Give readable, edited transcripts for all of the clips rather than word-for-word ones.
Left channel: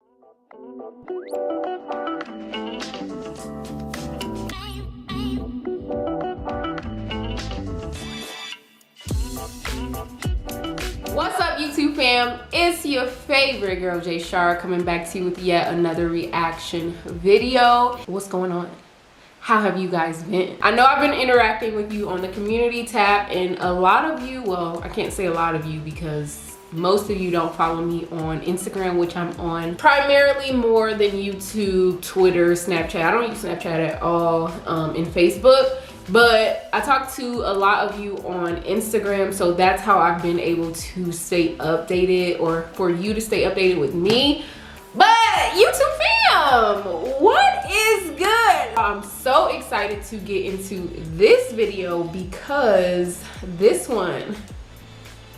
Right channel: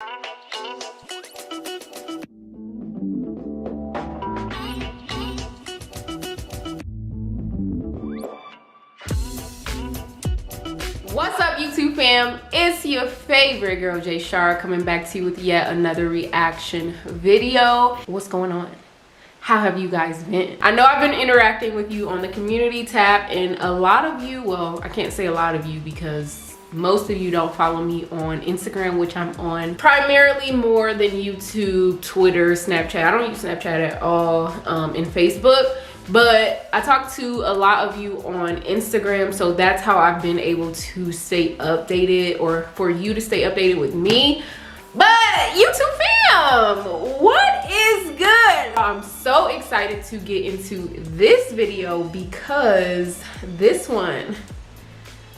What's up, YouTube fam? It's your favorite girl, Jay Baes, coming back to you with yet another reaction video. What's going on? How have you guys been? I know I've been interacting with you on the community tab, and a lot of you, well, I can't say a lot of you because most of you don't follow me on Instagram, which I'm on primarily more than YouTube, Twitter, Snapchat. I don't use Snapchat at all, and Facebook. But I talk to a lot of you on Instagram, so that's how I've been able to stay updated, or for you to stay updated with me. But YouTube fam, what is good? I'm so excited to get into this video because this one,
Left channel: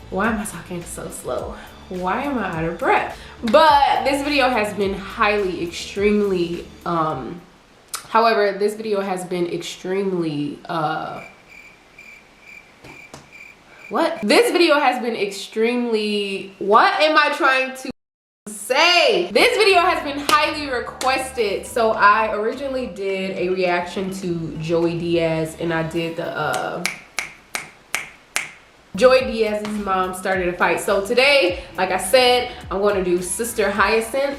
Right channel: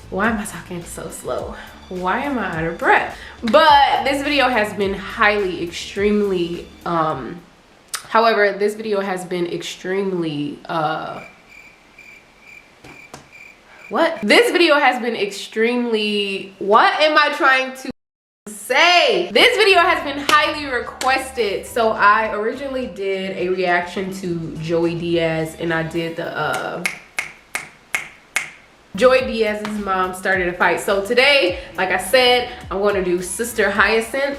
why am I talking so slow? Why am I out of breath? But this video has been highly, extremely, however, this video has been extremely, This video has been extremely, what am I trying to say? This video has been highly requested. So I originally did a reaction to Joey Diaz, and I did the, Joey Diaz's mom started a fight. So today, like I said, I'm going to do Sister Hyacinth.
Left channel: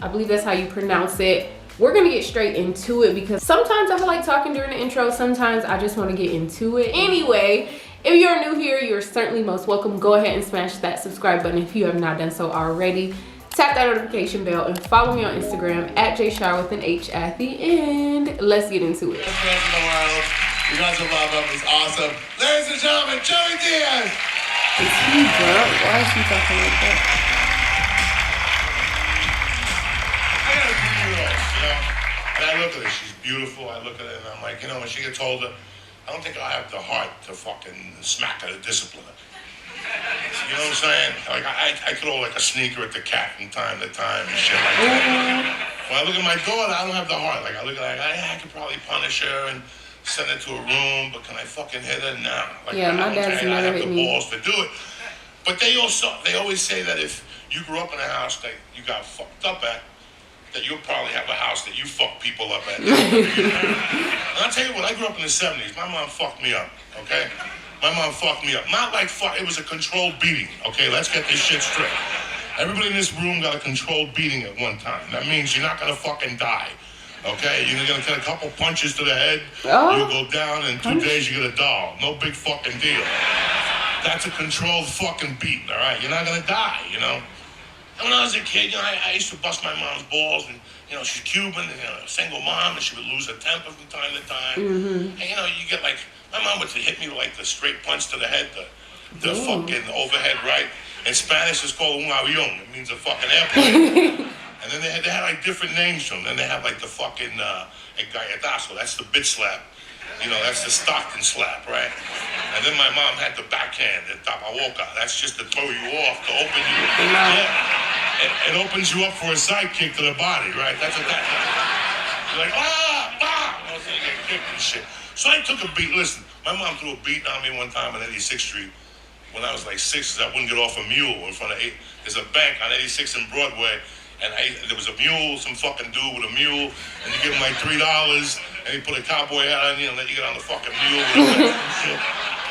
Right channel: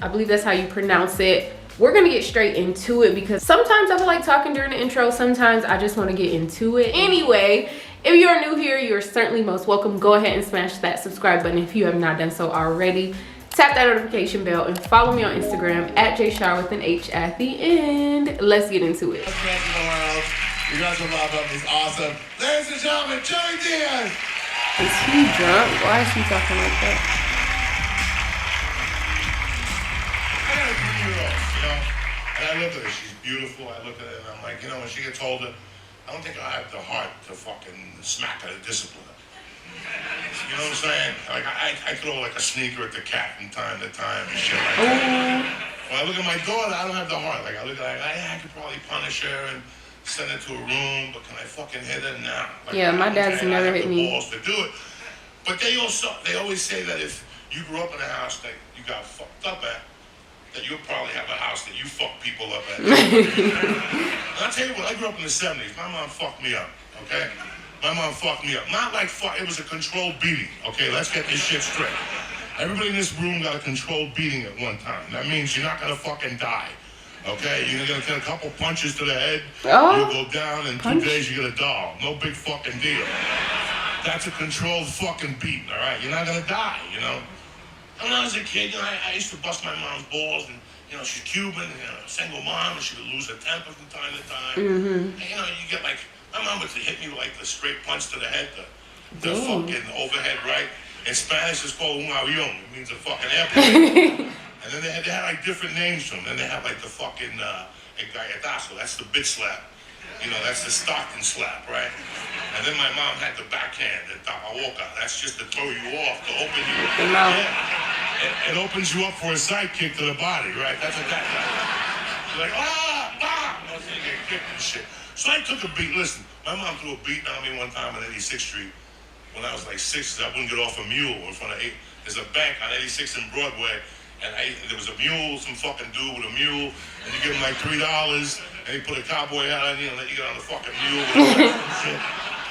I believe that's how you pronounce it. We're gonna get straight into it because sometimes I feel like talking during the intro, sometimes I just want to get into it. Anyway, if you're new here, you're certainly most welcome. Go ahead and smash that subscribe button if you have not done so already. Tap that notification bell and follow me on Instagram at JayShar with an H at the end. Let's get into it. Best friends in the world. You guys will love him. He's awesome. Ladies and gentlemen, Joey Diaz. Is he drunk? Why is he talking like that? I got a 3-year-old, you know, and I look at her, she's beautiful, I look at her and I'm like, you know, when she gets older, I don't think I'll have the heart to fucking smack her to discipline her. You know what I'm saying? Like, I throw like a sneaker at the cat from time to time and shit like that. When I look at my daughter, I don't have the heart. Like, I look at her, I could probably punish her and send her to a room, but can I fucking hit her? Nah. Like, yeah, my dad's never hit me. Balls to do it. But they always say that if you grew up in a house that you got fucked up at, that you'll probably have a house that you fuck people up at. And I'll tell you what, I grew up in the 70s. My mom fucked me up, okay? My mom fucked me up. Not like fuck, it was a controlled beating, okay? Let's get this shit straight. Everybody in this room got a controlled beating at one time. That means you're not gonna fucking die, okay? You're gonna get a couple punches to the head, you'll go down, and 2 days you get a doll. No big fucking deal. That's a controlled fucking beat, all right? You're not gonna die, you know? When I was a kid, you know, I used to bust my mom's balls, and, you know, she's Cuban, and, you know, a single mom, and she would lose her temper from time to time. And, you know, you get, like, my mom would hit me with, like, the straight punch to the head, the fucking overhead right. In Spanish, it's called un avión. It means a fucking airplane. And then they had, like, different names for them. Then they have, like, the fucking el galletazo. That's the bitch slap. You know, that's the Stockton slap, right? And then my mom had the backhand, the tapaboca. That's just to throw you off, to open you up. Yeah. It opens you up for a side kick to the body, right? That's what that does. You're like, ah! I was gonna get kicked and shit. So I took a beat. Listen, my mom threw a beat on me one time on 86th Street when I was like 6, I wouldn't get off a mule in front of 8. There's a bank on 86th and Broadway, and there was a mule, some fucking dude with a mule, and you give him like $3, and he put a cowboy hat on you and let you get on the fucking mule with shit.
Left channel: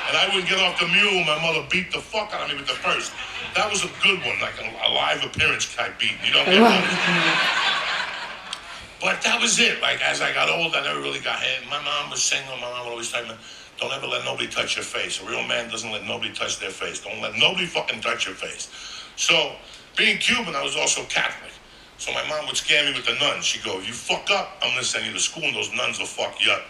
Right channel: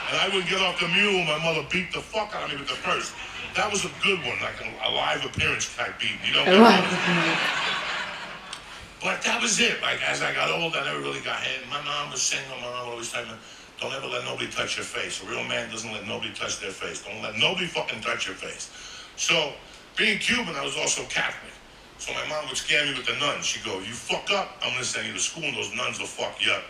And I wouldn't get off the mule, my mother beat the fuck out of me with the purse. That was a good one, like a live appearance type beat. You know what I mean? But that was it. Like, as I got old, I never really got hit. My mom was single. My mom always told me, don't ever let nobody touch your face. A real man doesn't let nobody touch their face. Don't let nobody fucking touch your face. So, being Cuban, I was also Catholic. So my mom would scare me with the nuns. She'd go, if you fuck up, I'm going to send you to school, and those nuns will fuck you up.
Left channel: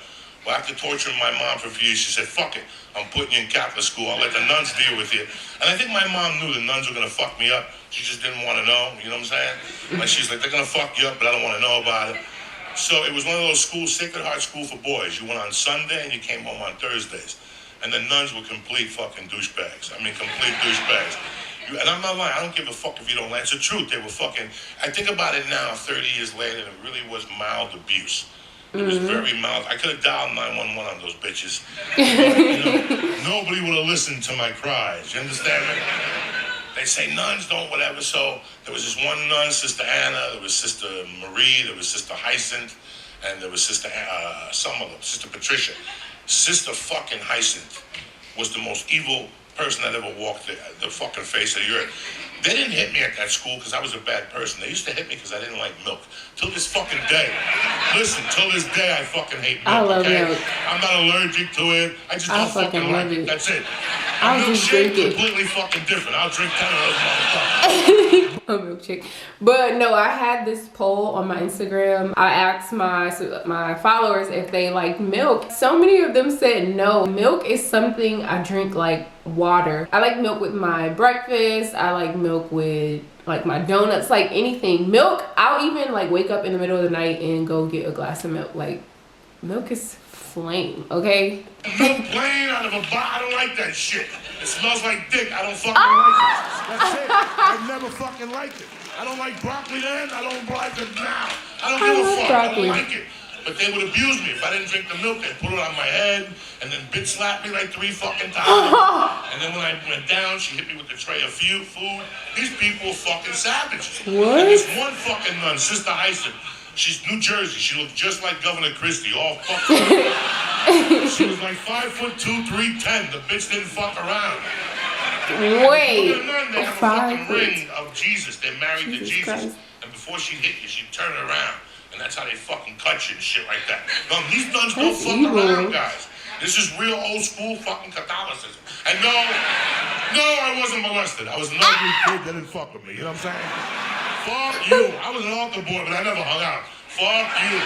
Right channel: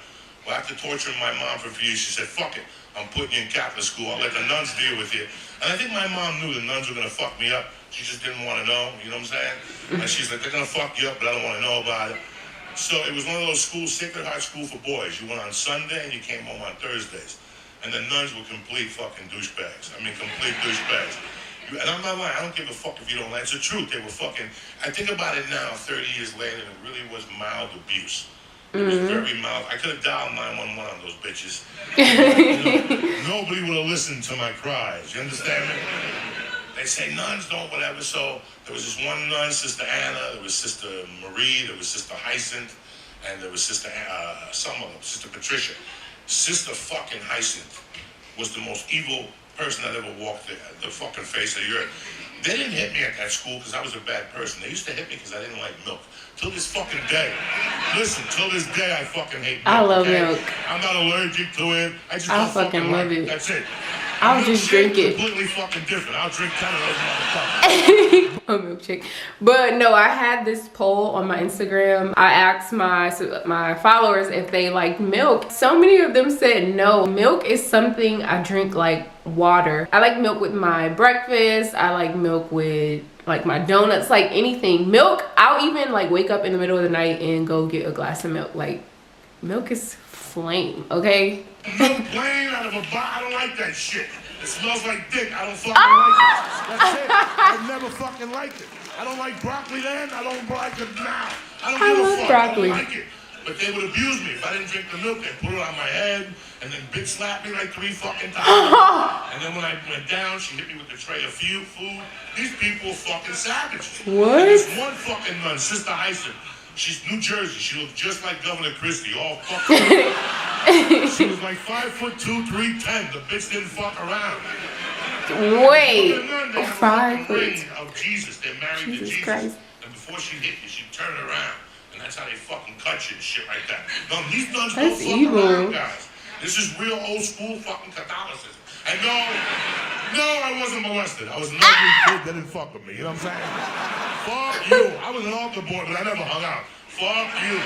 Well, after torturing my mom for a few years, she said, fuck it. I'm putting you in Catholic school. I'll let the nuns deal with you. And I think my mom knew the nuns were going to fuck me up. She just didn't want to know. You know what I'm saying? Like, she's like, they're going to fuck you up, but I don't want to know about it. So it was one of those schools, Sacred Heart School for boys. You went on Sunday and you came home on Thursdays. And the nuns were complete fucking douchebags. I mean, complete douchebags. And I'm not lying, I don't give a fuck if you don't like it. It's the truth, they were fucking, I think about it now, 30 years later, and it really was mild abuse. It was very mild. I could have dialed 911 on those bitches. But, you know, nobody would have listened to my cries, you understand me? They say nuns don't whatever. So there was this one nun, Sister Anna. There was Sister Marie. There was Sister Hyacinth, and there was Sister Sister Patricia. Sister fucking Hyacinth was the most evil person that ever walked the fucking face of the earth. They didn't hit me at that school because I was a bad person. They used to hit me because I didn't like milk. Till this fucking day. Listen, till this day I fucking hate milk. I love milk. I'm not allergic to it. I fucking fucking love it. That's it. I'll just drink it. Completely fucking different. I'll drink 10 of those motherfuckers. A milkshake. But no, I had this poll on my Instagram. I asked my followers if they liked milk. So many of them said no. Milk is something I drink like water. I like milk with my breakfast. I like milk with like my donuts, like anything. Milk, I'll even like wake up in the middle of the night and go get a glass of milk. Like, milk is flame, okay? Milk plain out of a bottle. I don't like that shit. It smells like dick. I don't fucking like it. That's it. I never fucking liked it. I don't like broccoli then. I don't like it now. I don't give a fuck. Broccoli. I don't like it. But they would abuse me if I didn't drink the milk. They'd put it on my head and then bitch slap me like 3 fucking times. And then when I went down, she hit me with the tray of food. These people are fucking savages. What? And this one fucking nun, Sister Hyacinth. She's New Jersey. She looked just like Governor Christie, all fucked up. She was like 5'2", 310. The bitch didn't fuck around. Wait, They 5 ring foot. of Jesus. They're married to Jesus Jesus. Christ. And before she hit you, she'd turn around. And that's how they fucking cut you and shit like that. No, these nuns don't That's fuck evil. around, guys. This is real old school fucking Catholicism. And no, I wasn't molested. I was an ugly kid that didn't fuck with me. You know what I'm saying? Fuck you. I was an altar boy, but I never hung out. Fuck you.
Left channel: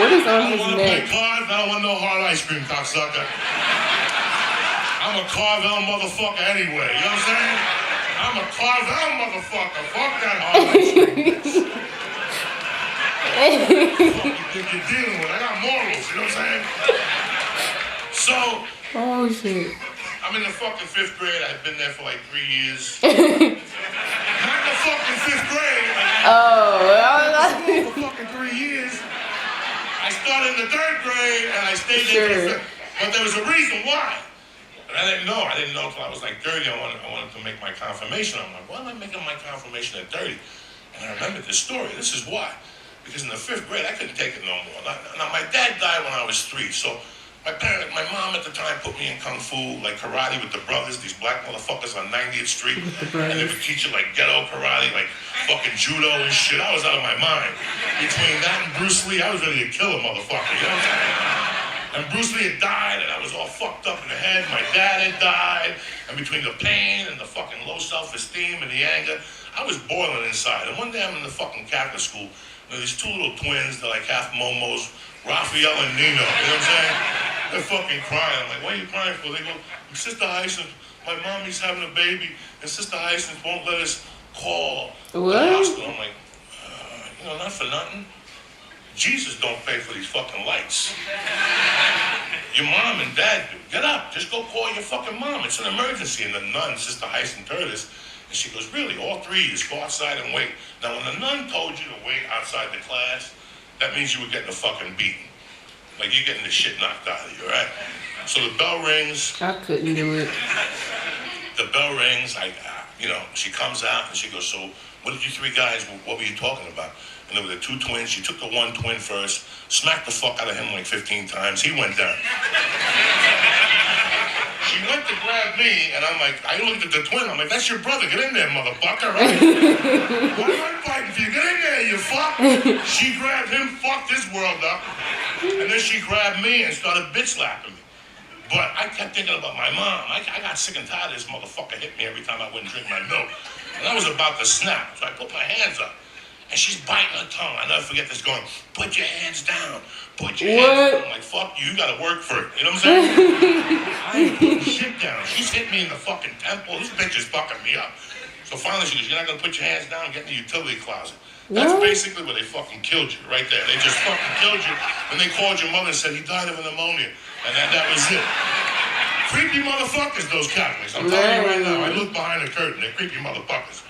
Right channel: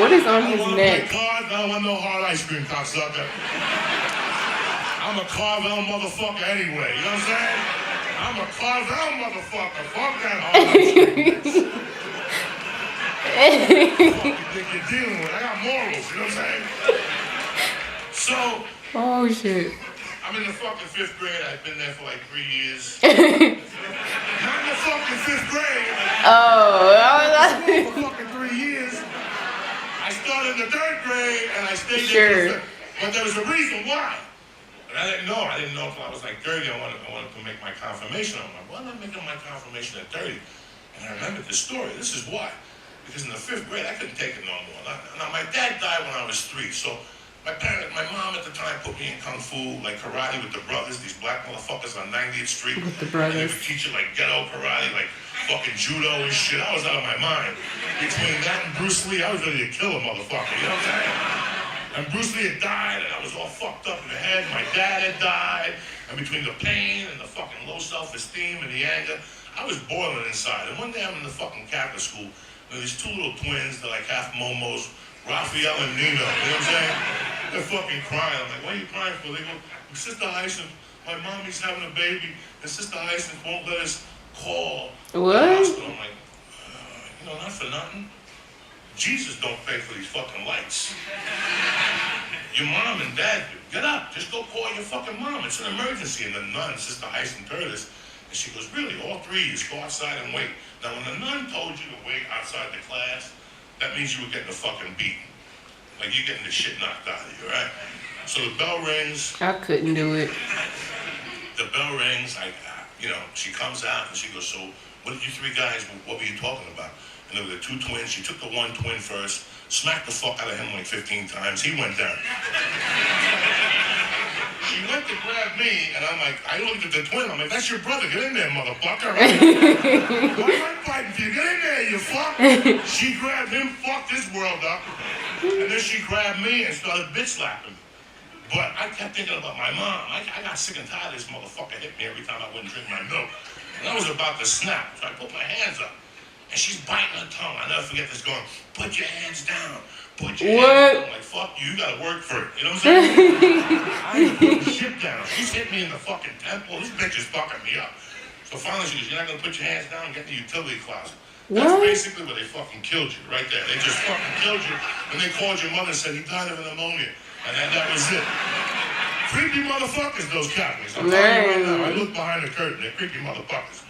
What is on I don't his want to neck? play cards. I don't want no hard ice cream, cocksucker. I'm a Carvel motherfucker anyway. You know what I'm saying? I'm a Carvel motherfucker. Fuck that hard ice cream. What the fuck you think you're dealing with? I got morals. You know what I'm saying? So, Oh shit. I'm in the fucking 5th grade. I've been there for like 3 years. Not in the fucking 5th grade. Oh, For fucking 3 years. I started in the 3rd grade and I stayed Sure. there. But there was a reason why. And I didn't know. I didn't know until I was like 30. I wanted to make my confirmation. I'm like, why am I making my confirmation at 30? And I remembered this story. This is why. Because in the 5th grade, I couldn't take it no more. Now, my dad died when I was 3, so my mom at the time put me in kung fu, like karate with the brothers, these black motherfuckers on 90th Street. With the And they brothers. would teach you like ghetto karate, like fucking judo and shit. I was out of my mind. Between that and Bruce Lee, I was ready to kill a motherfucker, you know what I'm saying? And Bruce Lee had died, and I was all fucked up in the head. My dad had died, and between the pain and the fucking low self-esteem and the anger, I was boiling inside. And one day I'm in the fucking Catholic school, and these 2 little twins, they're like half momos, Raphael and Nino, you know what I'm saying? They're fucking crying. I'm like, what are you crying for? They go, Sister Hyacinth, my mommy's having a baby, and Sister Hyacinth won't let us call. What? I'm like, not for nothing. Jesus don't pay for these fucking lights. Your mom and dad do. Get up. Just go call your fucking mom. It's an emergency. And the nun, Sister Hyacinth, heard us. And she goes, really, all 3 of you go outside and wait. Now, when the nun told you to wait outside the class, that means you were getting a fucking beating. Like, you're getting the shit knocked out of you, right? So the bell rings. I couldn't do it. The bell rings. She comes out and she goes, so what did you 3 guys, what were you talking about? And there were the 2 twins. She took the one twin first, smacked the fuck out of him like 15 times. He went down. She went to grab me, and I'm like, I looked at the twin. I'm like, that's your brother. Get in there, motherfucker. Right? Why am I fighting for you? Get in there, you fuck. She grabbed him, fucked his world up. And then she grabbed me and started bitch slapping me. But I kept thinking about my mom. I got sick and tired of this motherfucker hitting me every time I wouldn't drink my milk. And I was about to snap, so I put my hands up. And she's biting her tongue. I'll never forget this going, put your hands down. Put your hands down. I'm like, fuck you gotta work for it. You know what I'm saying? I ain't putting shit down. She's hit me in the fucking temple. This bitch is fucking me up. So finally she goes, you're not gonna put your hands down? Get in the utility closet. That's basically where they fucking killed you, right there. They just fucking killed you. And they called your mother and said he died of a pneumonia. And that was it. Creepy motherfuckers, those Catholics. I'm telling you right now. I look behind the curtain. They're creepy motherfuckers.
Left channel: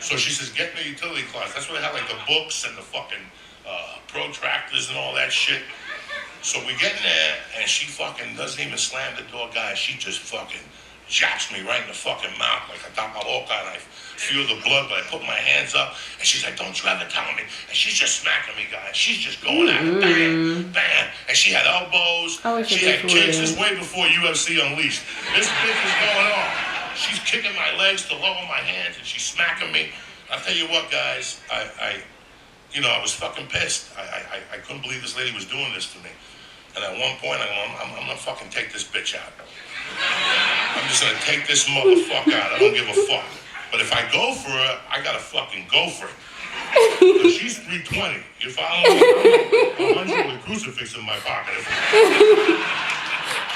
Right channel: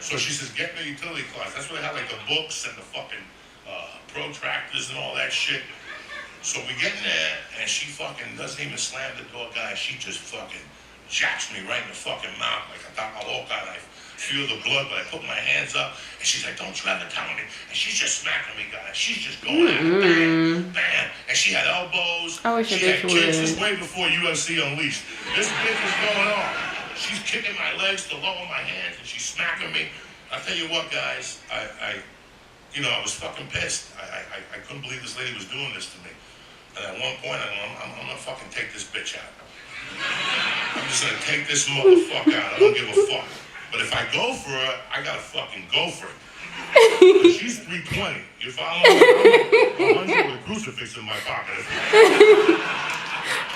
So she says, get in the utility closet. That's where they have like the books and the fucking protractors and all that shit. So we get in there, and she fucking doesn't even slam the door, guys. She just fucking jacks me right in the fucking mouth like I got my loca, and I feel the blood, but I put my hands up, and she's like, don't try to tell me. And she's just smacking me, guys. She's just going at it, bam, bam. And she had elbows. I wish she a bitch had kicks. This would. way before UFC Unleashed. This bitch is going on. She's kicking my legs to lower my hands, and she's smacking me. I tell you what, guys, I was fucking pissed. I couldn't believe this lady was doing this to me. And at one point, I'm gonna fucking take this bitch out. I'm just gonna take this motherfucker out. I don't give a fuck. But if I go for her, I gotta fucking go for it. She's 320. You follow me? I'm 100 with a crucifix in my pocket.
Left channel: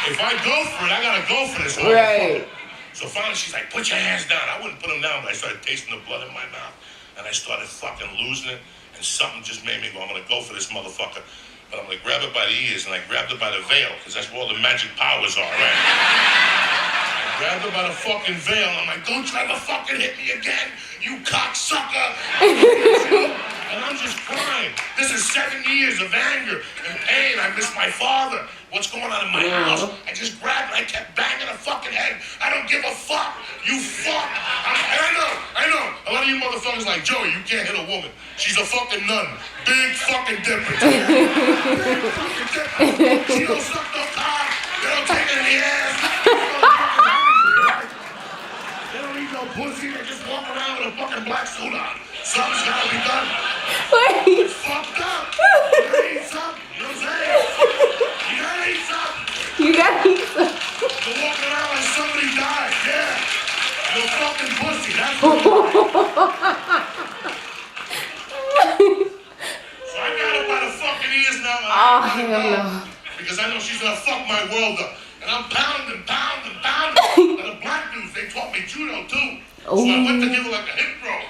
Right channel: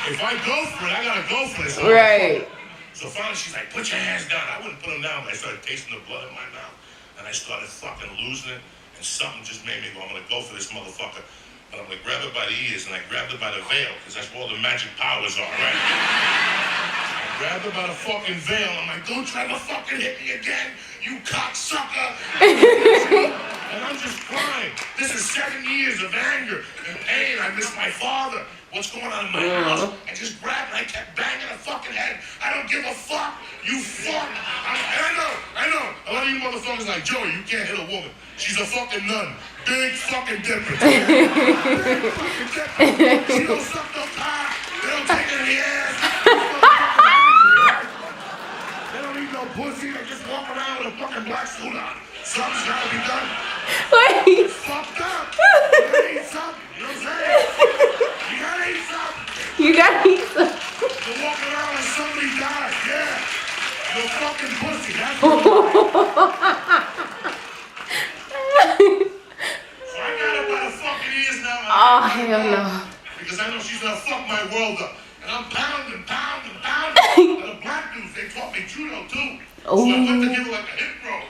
If I go for it, I gotta go for this. Right. So finally she's like, put your hands down. I wouldn't put them down, but I started tasting the blood in my mouth. And I started fucking losing it. And something just made me go, I'm gonna go for this motherfucker. But I'm gonna grab her by the ears, and I grabbed her by the veil, because that's where all the magic powers are, right? I grabbed her by the fucking veil. I'm like, don't try to fucking hit me again, you cocksucker. And I'm just crying. This is 7 years of anger and pain. I miss my father. What's going on in my house? I just grabbed and I kept banging her fucking head. I don't give a fuck. You fuck. I know. A lot of you motherfuckers like, Joey, you can't hit a woman. She's a fucking nun. Big fucking difference. Big fucking difference. She don't suck no cock. They don't take it in the ass. These motherfuckers angry, right? They don't eat no pussy. They just walk around with a fucking black suit on. Something's gotta be done. Wait. It's fucked up. You gotta eat something. You know what I'm saying? You gotta eat something. You gotta eat some. You're walking around like somebody died. Yeah. You're fucking pussy. That's what it is. So I got her by the fucking ears now. Oh, hell no. Because I know she's gonna fuck my world up. And I'm pounding. And the black dudes, they taught me judo too. So I went to give her like a hip throw.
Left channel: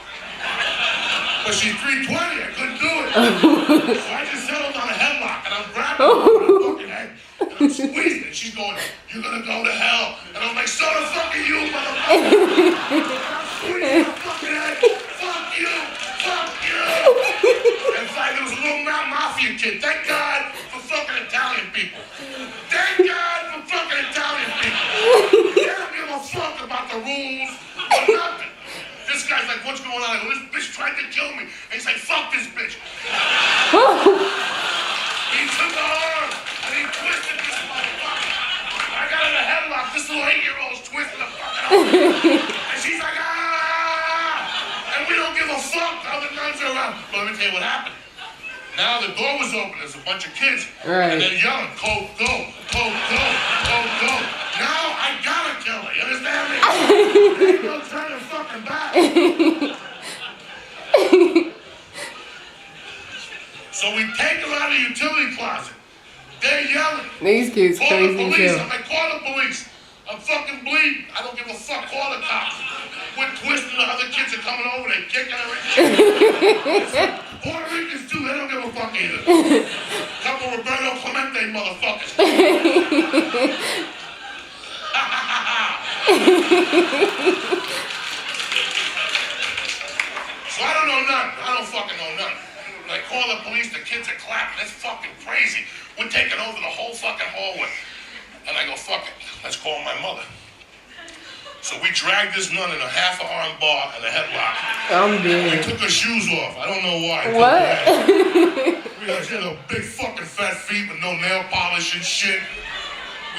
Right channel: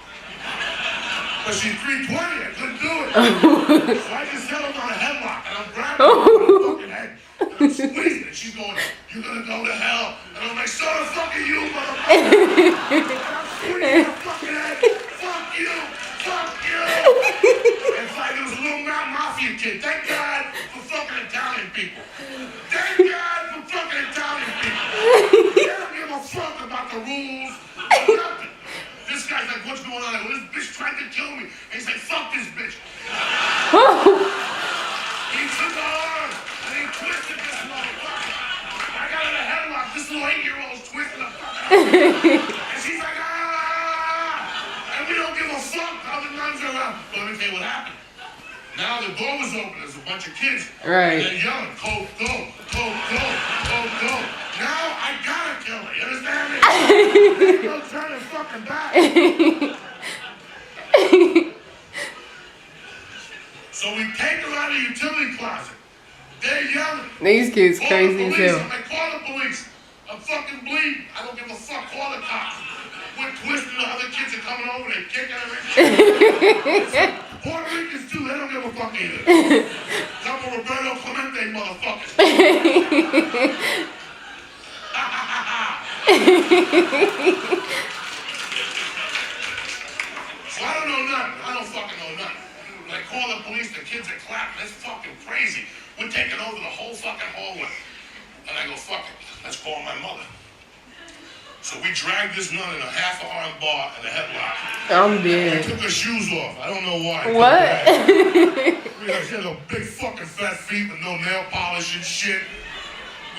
But she's 320, I couldn't do it. So I just settled on a headlock, and I'm grabbing her by the fucking head. And I'm squeezing it. She's going, you're gonna go to hell. And I'm like, so the fuck are you, motherfucker? And I'm squeezing her fucking head. Fuck you. And it's like this little Mountain Mafia kid. Thank God for fucking Italian people. Thank God for fucking Italian people. They don't give a fuck about the rules or nothing. This guy's like, what's going on? Well, this bitch tried to kill me. And he's like, fuck this bitch. He took her arm and he twisted this motherfucker. I got in a headlock. This little 8-year-old's twisting the fuck out of me. And she's like, ah! And we don't give a fuck. The other nuns are around. But let me tell you what happened. Now the door was open. There's a bunch of kids. Right. And they're yelling, Coke, go. Now I gotta kill her. You understand me? Ain't no turning fucking back. So we take her out of the utility closet. They're yelling. These kids Call crazy the as police. hell. I'm like, call the police. I'm fucking bleeding. I don't give a fuck. Call the cops. We're twisting. The other kids are coming over. They're kicking her. Puerto Ricans too. They don't give a fuck either. Couple Roberto Clemente motherfuckers. So I don't know nothing. I don't fucking know nothing. When I call the police, the kids are clapping. That's fucking crazy. We're taking over the whole fucking hallway. And I go, fuck it. Let's call my mother. So we dragged this nun in a half-arm bar and a headlock. I'm We dead. took her shoes off. I don't know why. What? She had a big fucking fat feet with no nail polish and shit.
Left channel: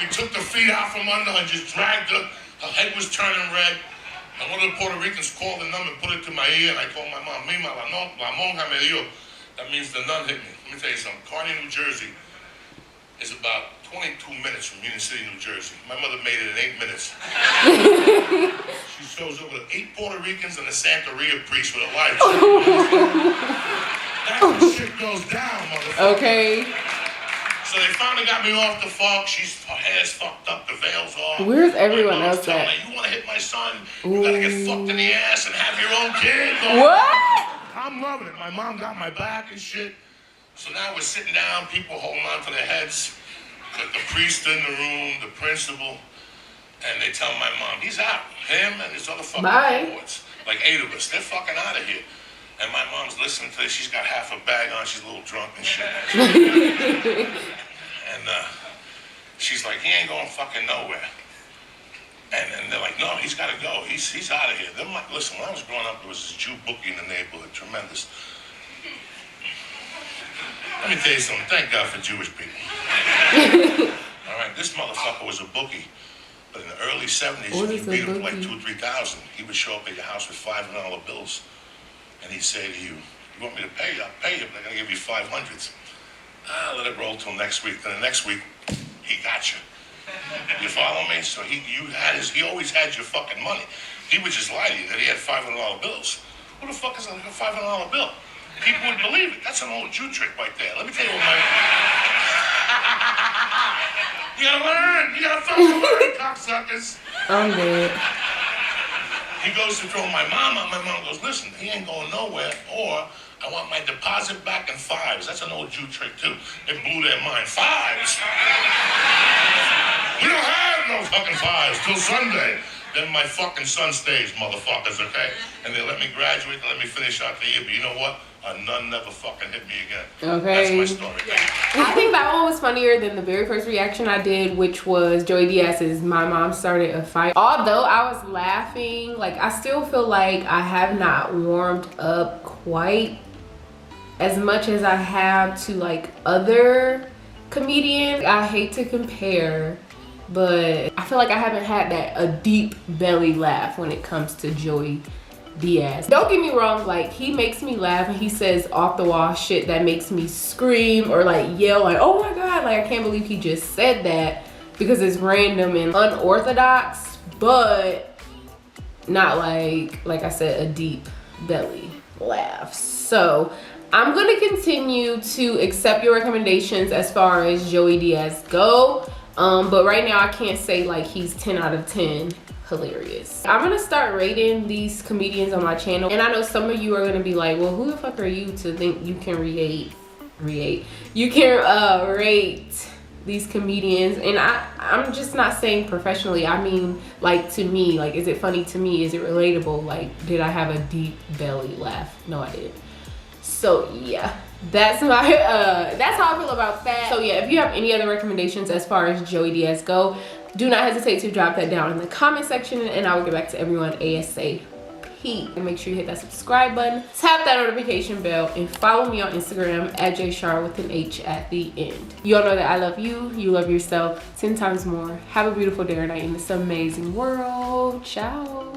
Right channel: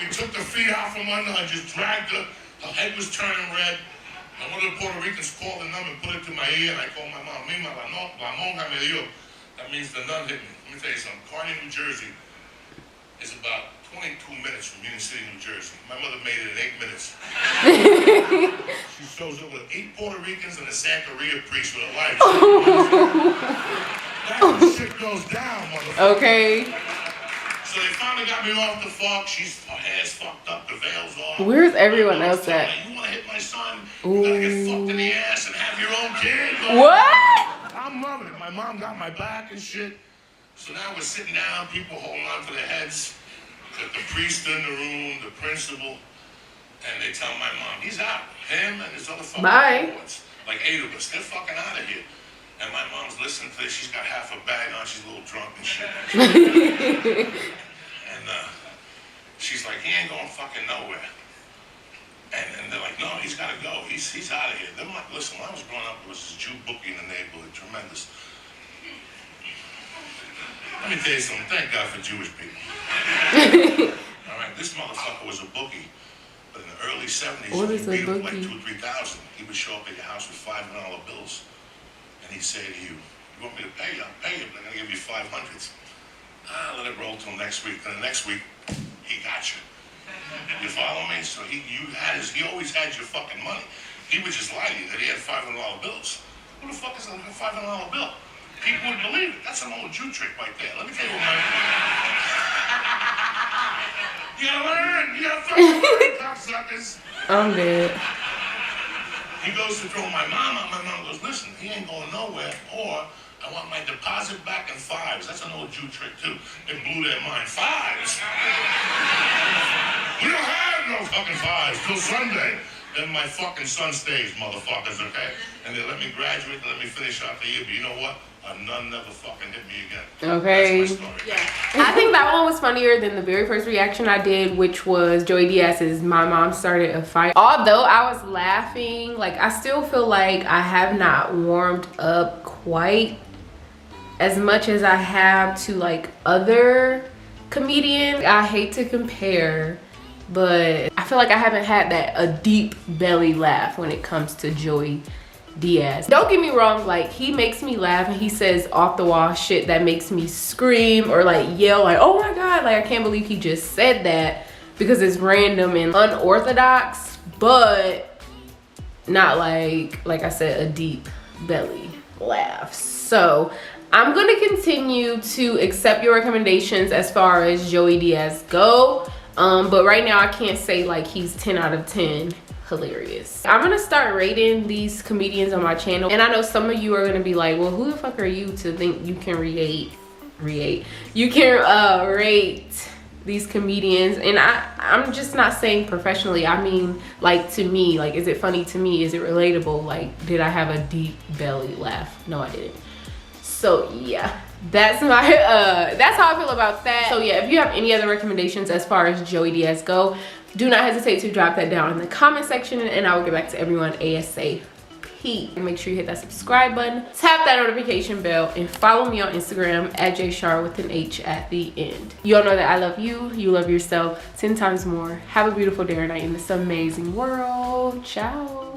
We took the feet out from under and just dragged her. Her head was turning red. And one of the Puerto Ricans called the nun and put it to my ear, and I told my mom, Mima, la monja me dio. That means the nun hit me. Let me tell you something. Kearney, New Jersey is about 22 minutes from Union City, New Jersey. My mother made it in 8 minutes. She shows up with 8 Puerto Ricans and a Santeria priest with a life. That's when shit goes down, motherfucker. Okay. So they finally got me off the fuck. Her hair's fucked up, the veil's off. Where's everyone else at? Like, you wanna hit my son? You gotta get fucked in the ass and have your own kid. What? I'm loving it. My mom got my back and shit. So now we're sitting down, people holding on to their heads. The priest in the room, the principal, and they tell my mom, he's out. Him and his other fucking boys. Like 8 of us. They're fucking out of here. And my mom's listening to this. She's got half a bag on. She's a little drunk and shit. And she's like, he ain't going fucking nowhere. And they're like, no, he's got to go. He's out of here. Then, listen, when I was growing up, there was this Jew bookie in the neighborhood, tremendous. Let me tell you something. Thank God for Jewish people. All right, this motherfucker was a bookie. But in the early 70s, what is a he bookie? like 2,000 or 3,000. He would show up at your house with $5 bills. And he'd say to you, you want me to pay you? I'll pay you, but I gotta give you 500s. Let it roll till next week. Then the next week, he got you. You follow me? So he always had your fucking money. He would just lie to you that he had $500 bills. Who the fuck is a $500 bill? People would believe it. That's an old Jew trick right there. Let me tell you what you gotta learn. You gotta fucking learn, cocksuckers. I'm dead. He goes to throw my mom out. My mom goes, listen, he ain't going nowhere, or I want my deposit back in 5s. That's an old Jew trick, too. It blew their mind. 5s? We don't have no fucking 5s till Sunday. Then my fucking son stays, motherfuckers, okay? And they let me graduate and let me finish out the year. But you know what? None never fucking hit me again. Okay. That's my story. Yeah. I think that one was funnier than the very first reaction I did, which was Joey Diaz's "My Mom Started a Fight." Although I was laughing, like, I still feel like I have not warmed up quite as much as I have to like other comedians. I hate to compare, but I feel like I haven't had a deep belly laugh when it comes to Joey Diaz. Don't get me wrong, like, he makes me laugh and he says off the wall shit that makes me scream or like yell like, oh my God, like I can't believe he just said that, because it's random and unorthodox, but not like I said, a deep belly laugh. So I'm gonna continue to accept your recommendations as far as Joey Diaz go, but right now I can't say like he's 10 out of 10 hilarious. I'm gonna start rating these comedians on my channel, and I know some of you are gonna be like, well, who the fuck are you to think you can rate these comedians? And I'm just not saying professionally. I mean, like, to me, like, is it funny to me? Is it relatable? Like, did I have a deep belly laugh? No, I didn't. So yeah, that's how I feel about that. So yeah, if you have any other recommendations as far as Joey Diaz go, do not hesitate to drop that down in the comment section, and I will get back to everyone ASAP. Make sure you hit that subscribe button, tap that notification bell, and follow me on Instagram at JShar with an H at the end. You all know that I love you, you love yourself 10 times more. Have a beautiful day or night in this amazing world. Ciao.